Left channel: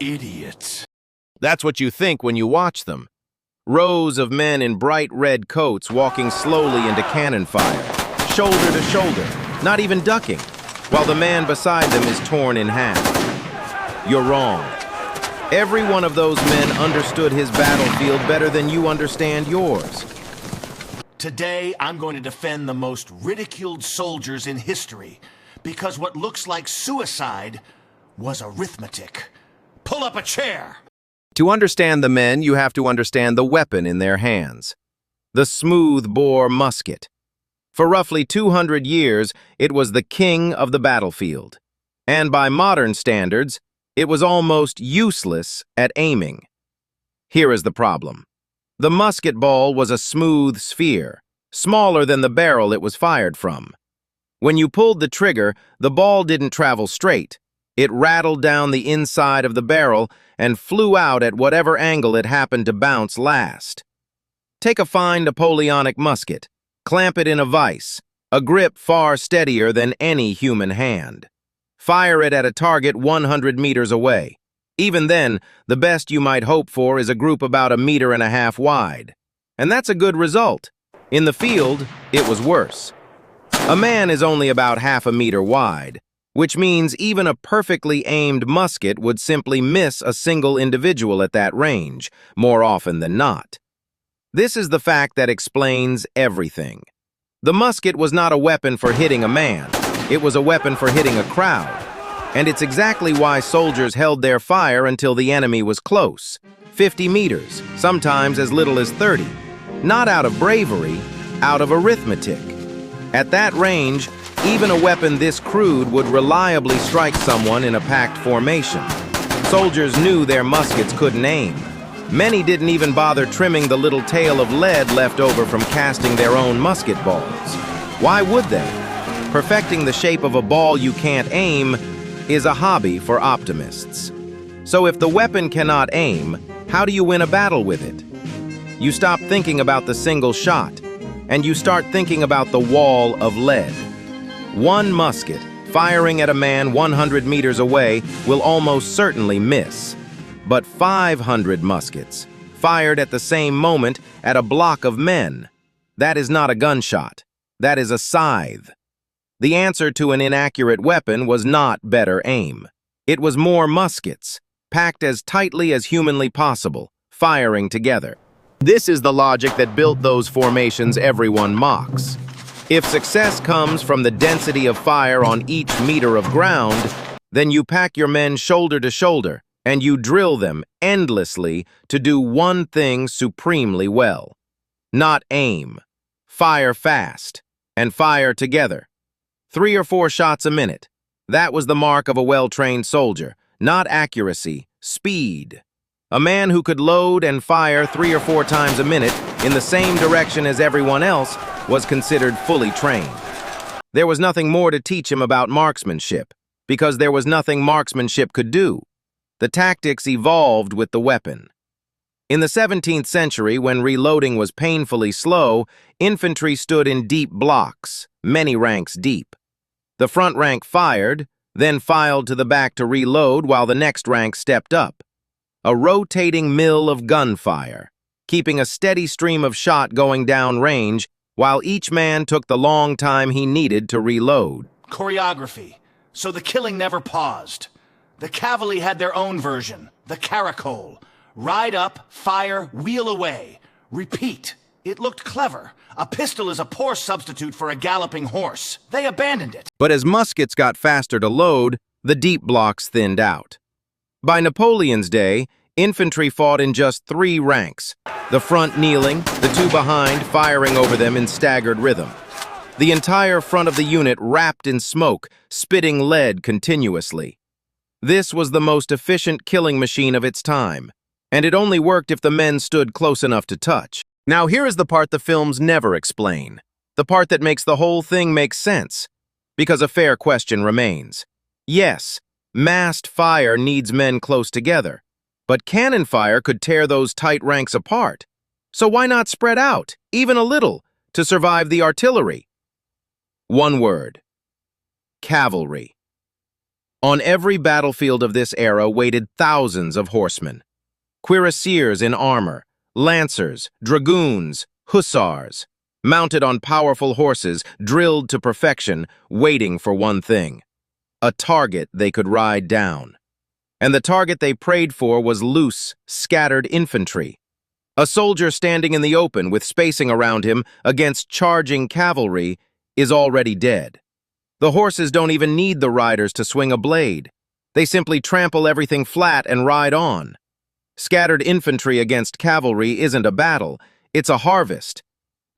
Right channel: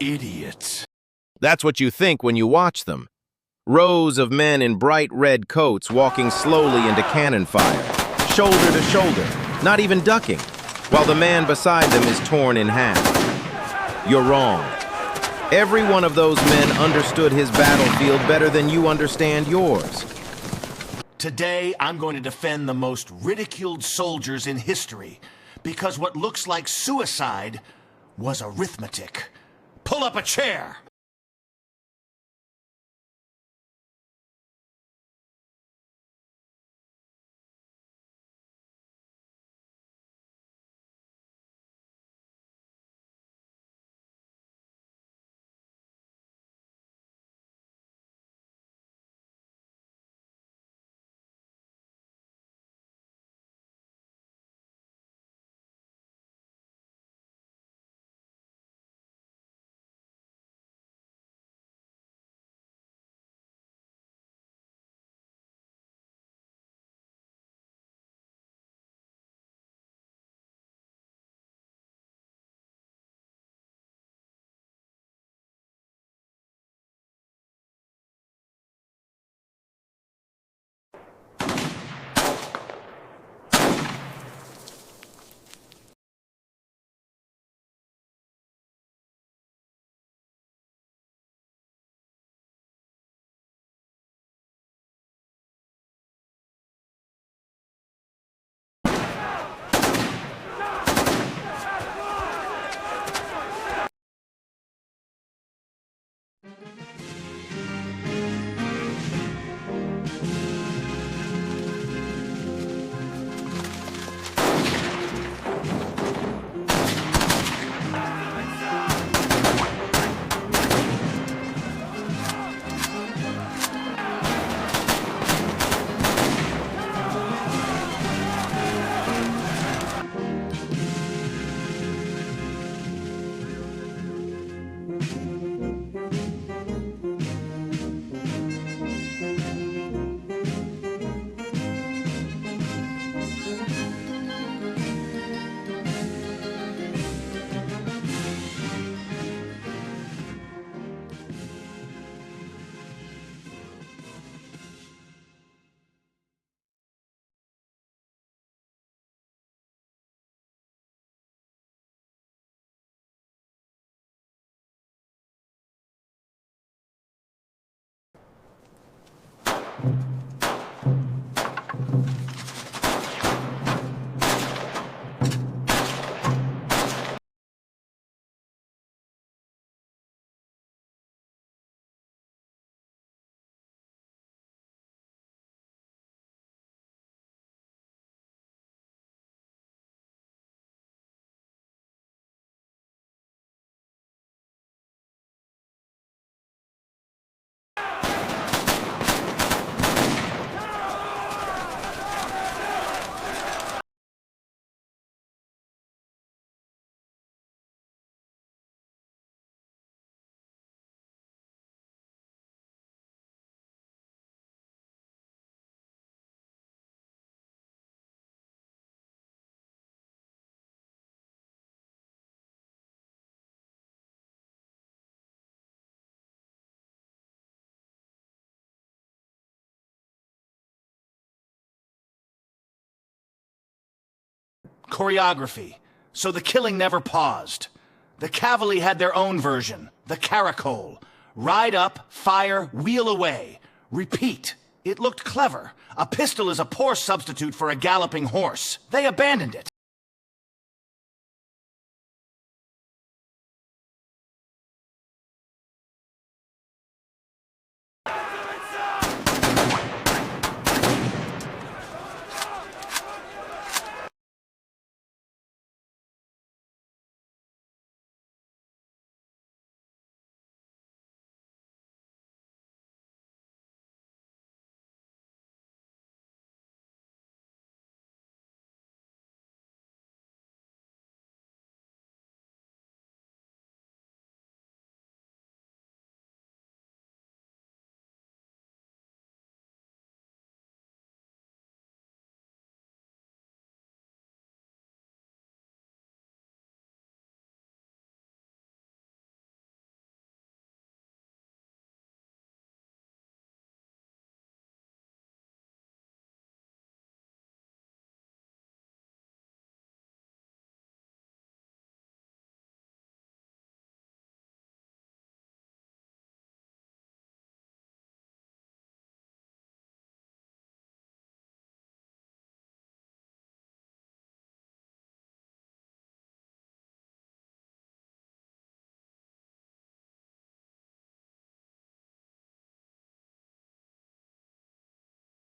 Idiots. That's what you think when you watch them. Rows of men in bright red coats walking slowly into cannon fire, shoulder to shoulder, not even ducking, while the man beside them is torn in half. You're wrong. Every one of those men understood his battlefield better than you understand yours. Today, I'm going to defend the most ridiculed soldiers in history, because what looks like suicide was arithmetic. Pull up a chair! To understand the men, you have to understand the weapon in their hands. The smooth-bore musket. For roughly 200 years, it was the king of the battlefield. And by modern standards, it was almost useless at aiming. Here is the problem. The musket ball was a smooth sphere, smaller than the barrel it was fired from. When you pulled the trigger, the ball didn't travel straight. It rattled down the inside of the barrel and flew out at whatever angle it happened to bounce last. Take a fine Napoleonic musket, clamp it in a vise, a grip far steadier than any human hand. Fire it at a target 100 meters away. Even then, the best you might hope for is a group about 1.5 meters wide. And that's a good result. In the field, it was worse. A man is only about 0.5 meter wide, which means even a perfectly aimed musket would simply miss a single individual at that range, more often than not. This is the fact that explains everything. The musket was not a weapon for hitting a man. It was a weapon for hitting a crowd. And it's exactly why soldiers held their fire until the enemy was close. 50 meters, sometimes as little as 30. Not out of bravery, out of arithmetic. At that range, even a weapon this crude would reliably strike someone in a packed formation. Soldiers knew their muskets couldn't aim. Many didn't even bother trimming the little tail of lead left over from casting their own musket balls. Why would they? Perfecting the shape of a ball you can't aim is a hobby for optimists. So if the weapon cannot aim, how do you win a battle with it? You stop thinking about the single shot, and you start thinking about the wall of lead. One musket, firing at a man 100 meters away, will almost certainly miss. But 500 muskets, fired at the same moment at a block of men, that is not a gunshot. That is a scythe. The answer to an inaccurate weapon was not better aim. It was more muskets, packed as tightly as humanly possible, firing together. This is the logic that built those formations everyone mocks. If success comes from the density of fire on each meter of ground, then you pack your men shoulder to shoulder, and you drill them endlessly to do one thing supremely well. Not aim. Fire fast, and fire together. 3 or 4 shots a minute. That was the mark of a well-trained soldier. Not accuracy, speed. A man who could load and fire 3 or 4 times a minute in the same direction as everyone else was considered fully trained. There was nothing more to teach him about marksmanship, because there was nothing marksmanship could do. The tactics evolved with the weapon. In the 17th century, when reloading was painfully slow, infantry stood in deep blocks, many ranks deep. The front rank fired, then filed to the back to reload while the next rank stepped up. A rotating mill of gunfire, keeping a steady stream of shot going down range while each man took the long time he needed to reload. Choreography, so the killing never paused. The cavalry had their own version, the caracole. Ride up, fire, wheel away. Repeat. It looked clever. A pistol is a poor substitute for a galloping horse. They abandoned it. But as muskets got faster to load, the deep blocks thinned out. By Napoleon's day, infantry fought in just 3 ranks, the front kneeling, the 2 behind firing over them in staggered rhythm. The entire front of the unit wrapped in smoke, spitting lead continuously. This was the most efficient killing machine of its time, and it only worked if the men stood close enough to touch. Now here is the part the films never explain, the part that makes the whole thing make sense, because a fair question remains. Yes, massed fire needs men close together, but cannon fire could tear those tight ranks apart. So why not spread out, even a little, to survive the artillery? One word: cavalry. On every battlefield of this era waited thousands of horsemen. Cuirassiers in armor, lancers, dragoons, hussars, mounted on powerful horses, drilled to perfection, waiting for one thing: a target they could ride down. And the target they prayed for was loose, scattered infantry. A soldier standing in the open with spacing around him against charging cavalry is already dead. The horses don't even need the riders to swing a blade. They simply trample everything flat and ride on. Scattered infantry against cavalry isn't a battle, it's a harvest.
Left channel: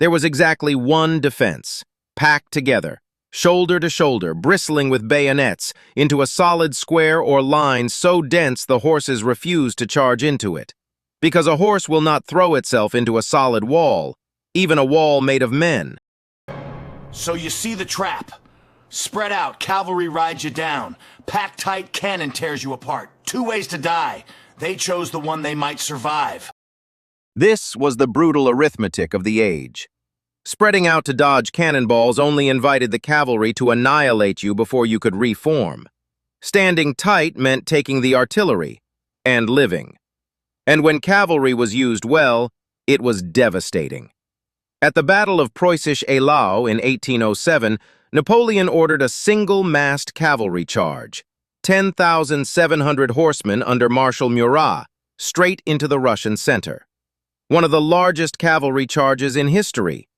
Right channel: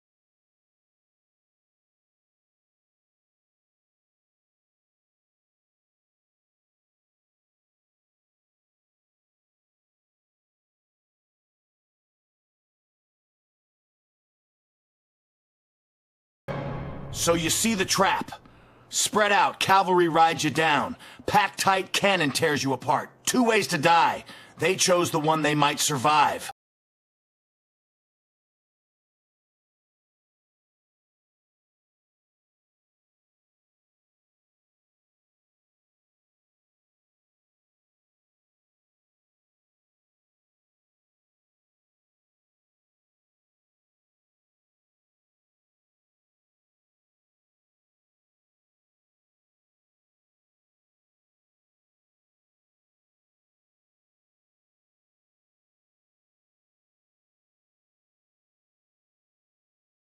There was exactly one defense, packed together, shoulder to shoulder, bristling with bayonets, into a solid square or line so dense the horses refused to charge into it. Because a horse will not throw itself into a solid wall, even a wall made of men. So you see the trap. Spread out, cavalry rides you down. Packed tight, cannon tears you apart. Two ways to die. They chose the one they might survive. This was the brutal arithmetic of the age. Spreading out to dodge cannonballs only invited the cavalry to annihilate you before you could reform. Standing tight meant taking the artillery and living. And when cavalry was used well, it was devastating. At the Battle of Preußisch Eylau in 1807, Napoleon ordered a single-massed cavalry charge, 10,700 horsemen under Marshal Murat, straight into the Russian center. One of the largest cavalry charges in history.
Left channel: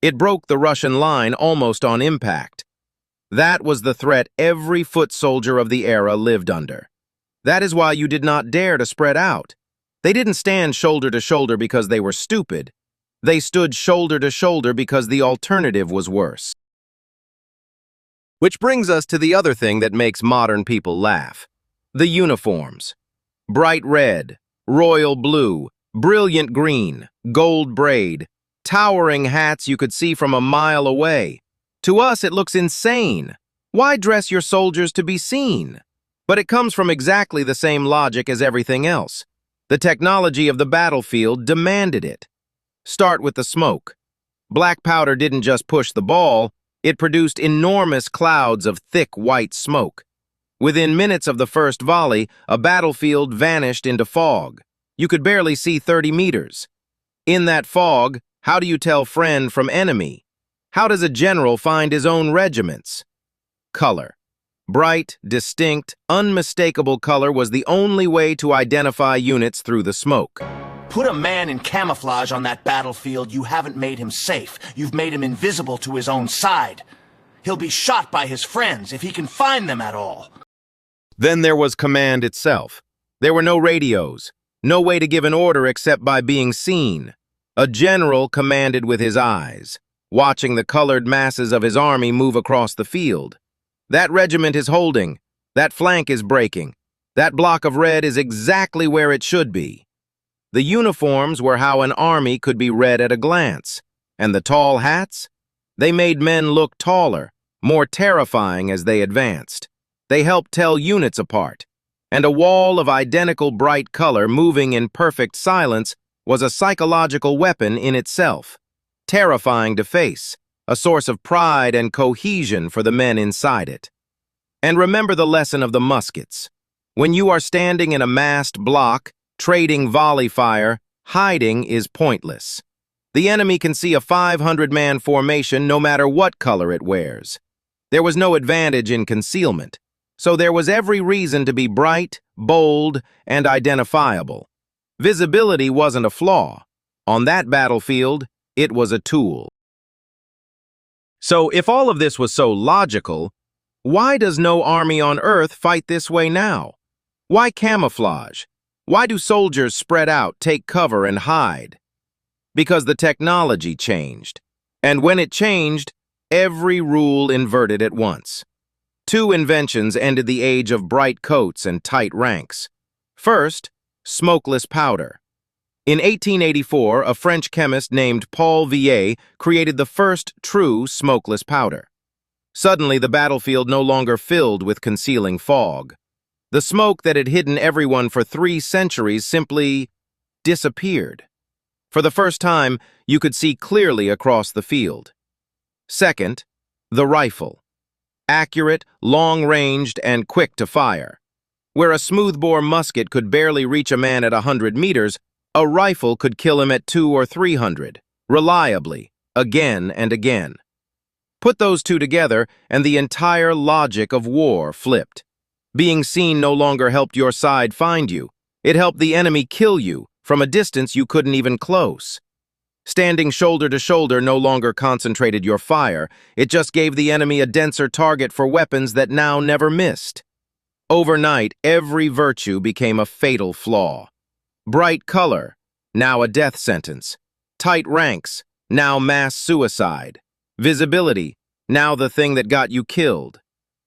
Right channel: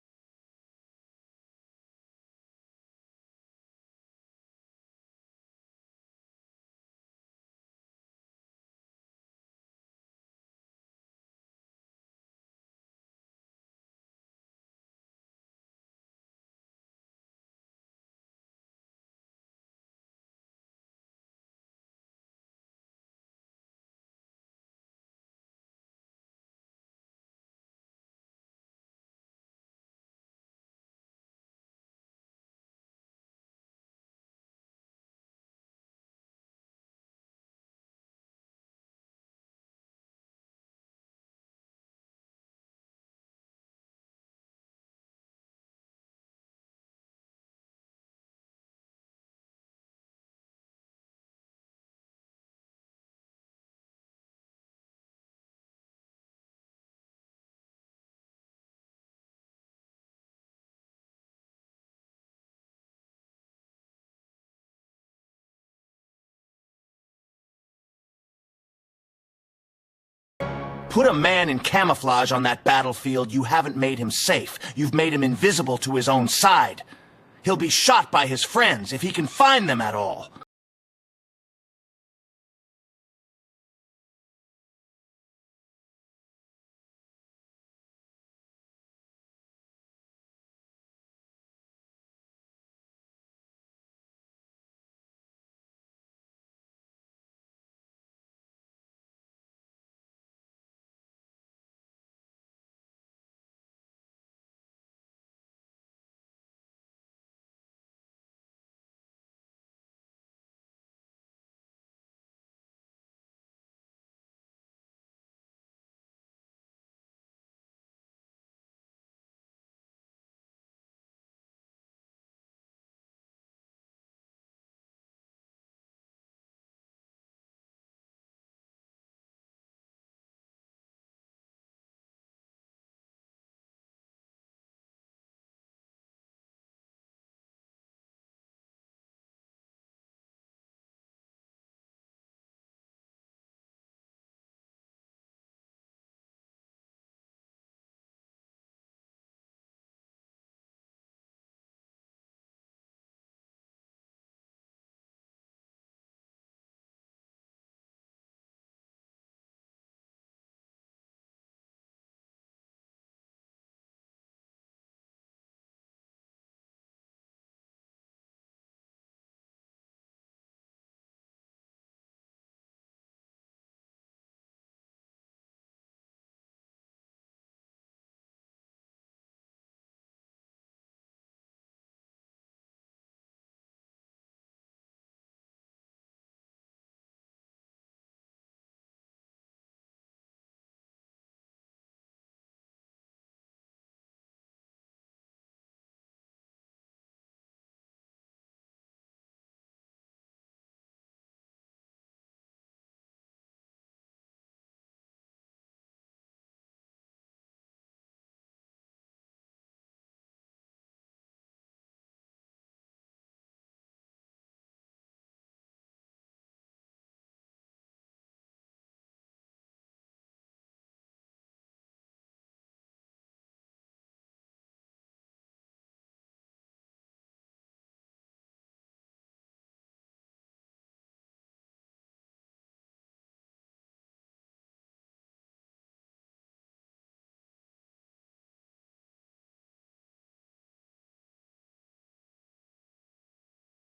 It broke the Russian line almost on impact. That was the threat every foot soldier of the era lived under. That is why you did not dare to spread out. They didn't stand shoulder to shoulder because they were stupid. They stood shoulder to shoulder because the alternative was worse. Which brings us to the other thing that makes modern people laugh: the uniforms. Bright red, royal blue, brilliant green, gold braid, towering hats you could see from a mile away. To us, it looks insane. Why dress your soldiers to be seen? But it comes from exactly the same logic as everything else. The technology of the battlefield demanded it. Start with the smoke. Black powder didn't just push the ball, it produced enormous clouds of thick white smoke. Within minutes of the first volley, a battlefield vanished into fog. You could barely see 30 meters. In that fog, how do you tell friend from enemy? How does a general find his own regiments? Color. Bright, distinct, unmistakable color was the only way to identify units through the smoke. Put a man in camouflage on that battlefield, you haven't made him safe. You've made him invisible to his own side. He'll be shot by his friends if he can find them at all. Then there was command itself. There were no radios, no way to give an order except by being seen. A general commanded with his eyes, watching the colored masses of his army move across the field. That regiment is holding, that flank is breaking, that block of red is exactly where it should be. The uniforms were how an army could be read at a glance, and the tall hats? They made men look taller, more terrifying as they advanced. They helped tell units apart, and a wall of identical bright color moving in perfect silence was a psychological weapon in itself, terrifying to face, a source of pride and cohesion for the men inside it. And remember the lesson of the muskets. When you are standing in a massed block, trading volley fire, hiding is pointless. The enemy can see a 500-man formation no matter what color it wears. There was no advantage in concealment, so there was every reason to be bright, bold, and identifiable. Visibility wasn't a flaw. On that battlefield, it was a tool. So if all of this was so logical, why does no army on Earth fight this way now? Why camouflage? Why do soldiers spread out, take cover, and hide? Because the technology changed. And when it changed, every rule inverted at once. Two inventions ended the age of bright coats and tight ranks. First, smokeless powder. In 1884, a French chemist named Paul Villiers created the first true smokeless powder. Suddenly, the battlefield no longer filled with concealing fog. The smoke that had hidden everyone for 3 centuries simply disappeared. For the first time, you could see clearly across the field. Second, the rifle. accurate, long-ranged, and quick to fire. Where a smoothbore musket could barely reach a man at 100 meters, a rifle could kill him at 200 or 300, reliably, again and again. Put those two together, and the entire logic of war flipped. Being seen no longer helped your side find you. It helped the enemy kill you from a distance you couldn't even close. Standing shoulder to shoulder no longer concentrated your fire. It just gave the enemy a denser target for weapons that now never missed. Overnight, every virtue became a fatal flaw. Bright color, now a death sentence. Tight ranks, now mass suicide. Visibility, now the thing that got you killed.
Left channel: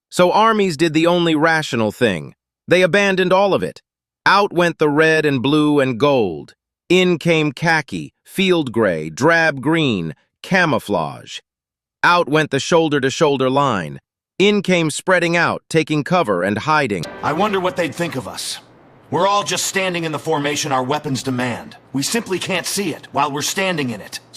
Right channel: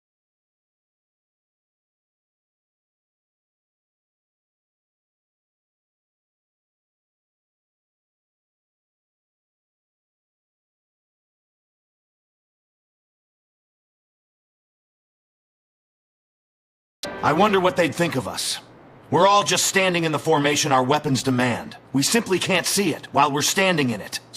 So armies did the only rational thing. They abandoned all of it. Out went the red and blue and gold. In came khaki, field gray, drab green, camouflage. Out went the shoulder-to-shoulder line. In came spreading out, taking cover and hiding. I wonder what they'd think of us. We're all just standing in the formation our weapons demand. We simply can't see it while we're standing in it.